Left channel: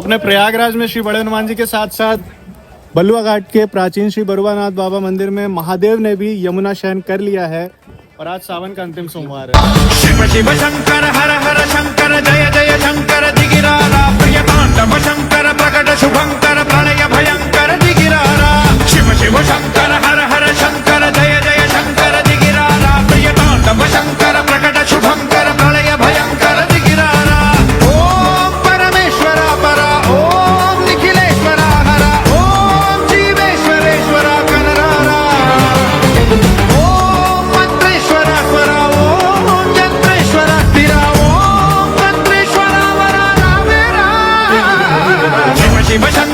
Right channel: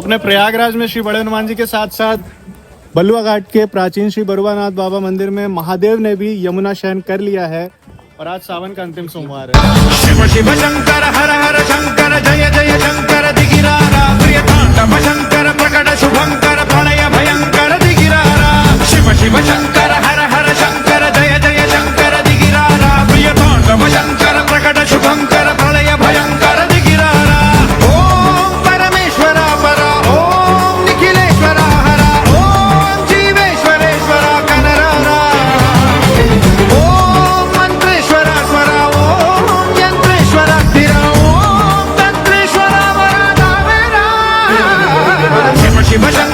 अपने प्रयागराज में श्री बड़े हनुमान जी के साथ साथ बलुआ घाट के प्राचीन श्री बरुआनाथ बाबा मंदिर में महादेव ने भी यमुना शयन कर लिया है और आज सावन का अंतिम सोमवार है। शिव शिव शंकर हर हर शंकर जय जय शंकर दिगिरारा प्रिय तांडव शंकर प्रकट शुभंकर प्रणय भयंकर दिगिरारा शिव शिव शंकर हर हर शंकर जय जय शंकर दिगिरारा प्रिय तांडव शंकर प्रकट शुभंकर प्रणय भयंकर दिगिरारा ओम परमेश्वरा परा ओम निखिलेश्वरा हरा ओम जीवेश्वरेश्वरा कनरारा ओम मंत्रेश्वरा स्वरा ओम यंत्रेश्वरा स्थिरा ओम तंत्रेश्वरा वरा नामेरा शिव शिव शंकर